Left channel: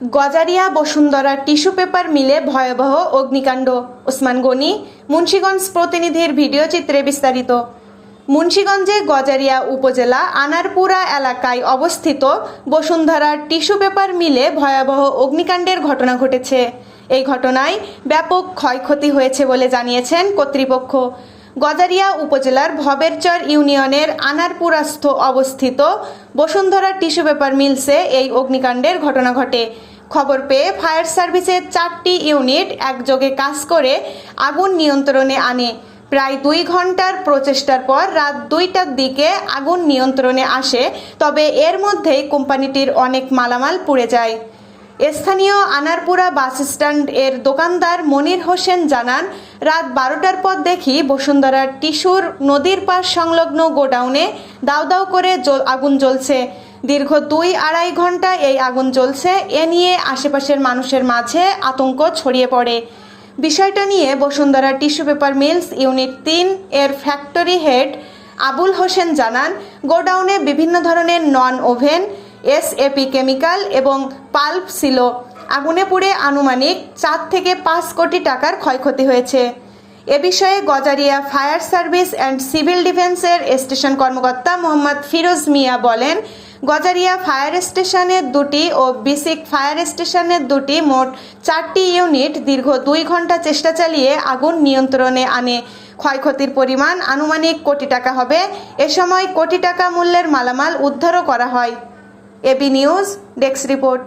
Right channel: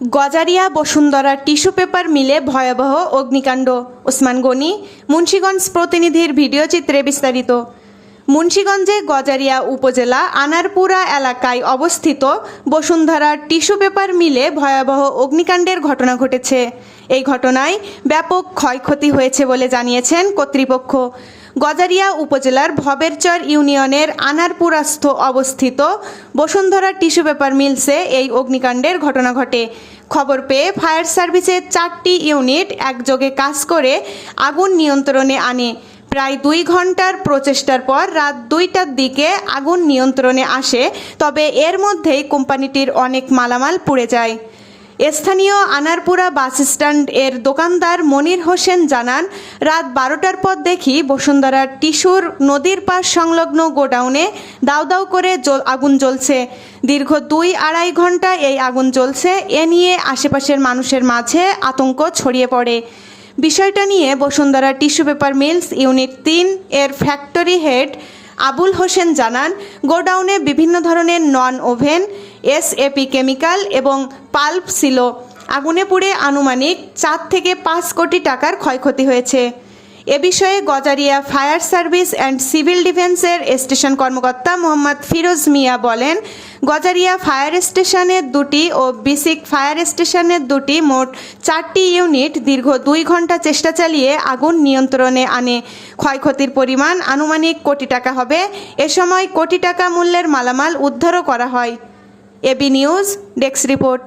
Gazaria Bashundhara tissue paper মিলে ভয়াবহ অগ্নিকাণ্ড। ওসমান গনি, মুন্সিগঞ্জ প্রতিনিধির ভিডিও চিত্রে বিস্তারিত। মুন্সিগঞ্জে গজারিয়া উপজেলা আনারপুরা এলাকায় অবস্থিত বসুন্ধরা টিস্যু পেপার মিলে ভয়াবহ অগ্নিকাণ্ডের ঘটনা ঘটেছে। এই ঘটনায় ব্যাপক ক্ষয়ক্ষতি হয়েছে বলে জানিয়েছেন কর্তৃপক্ষ। গজারিয়া উপজেলার ভবেরচর ইউনিয়নের আনারপুরাস্থ অবস্থিত বসুন্ধরা টিস্যু পেপার মিলসে এই অগ্নিকাণ্ডের ঘটনা ঘটে। খবর পেয়ে ফায়ার সার্ভিসের 4টি ইউনিট একযোগে কাজ করে আগুন নিয়ন্ত্রণে আনে। প্রায় 2 ঘন্টার প্রচেষ্টার পর রাত 2টার দিকে আগুন নিয়ন্ত্রণে আসে, তবে এর মধ্যেই কোম্পানিটির অনেক মালামাল পুড়ে যায়। স্থানীয় আনারপুরা বাস স্ট্যান্ড এর দোকানদার মনির হোসেন জানান, রাত 12টার পর দেখি বসুন্ধরা টিস্যুর নদীর পাশ সংলগ্ন গোডাউনে দাউ দাউ করে আগুন জ্বলছে। দীর্ঘ 2-2.5 ঘন্টা এই আগুন জ্বলছে। এ নিয়ে আশেপাশের মানুষের মাঝে আতঙ্ক ছড়িয়ে পড়ে। বিষয়টা নিয়ে Bashundhara tissue paper mills unit 3 এর ফ্যাক্টরি হেড আবুল হোসেন জানান, গোডাউনে বিভিন্ন ধরনের নন ওভেন, এসএপি কেমিক্যাল এবং পাল্প ছিল। আগুনে পুড়ে আনুমানিক 4 থেকে 5 কোটি টাকার ক্ষয়ক্ষতি হয়েছে। এ বিষয়ে Gazaria fire service and civil ডিফেন্সের স্টেশন কর্মকর্তা মোহাম্মদ ফিরোজ মিয়া বলেন, গজারিয়া ফায়ার স্টেশনের 2টি ও বিসিক ফায়ার স্টেশনের 2টি মোট 4টি ইউনিট দীর্ঘ 2 ঘন্টা চেষ্টা চালিয়ে আগুন নিয়ন্ত্রণে আনে। ক্ষয়ক্ষতির পরিমাণ আনুমানিক কোটি টাকা হবে। এ সময় কোটি টাকা মূল্যের মালামাল উদ্ধারও করা হয়। AB news desk report.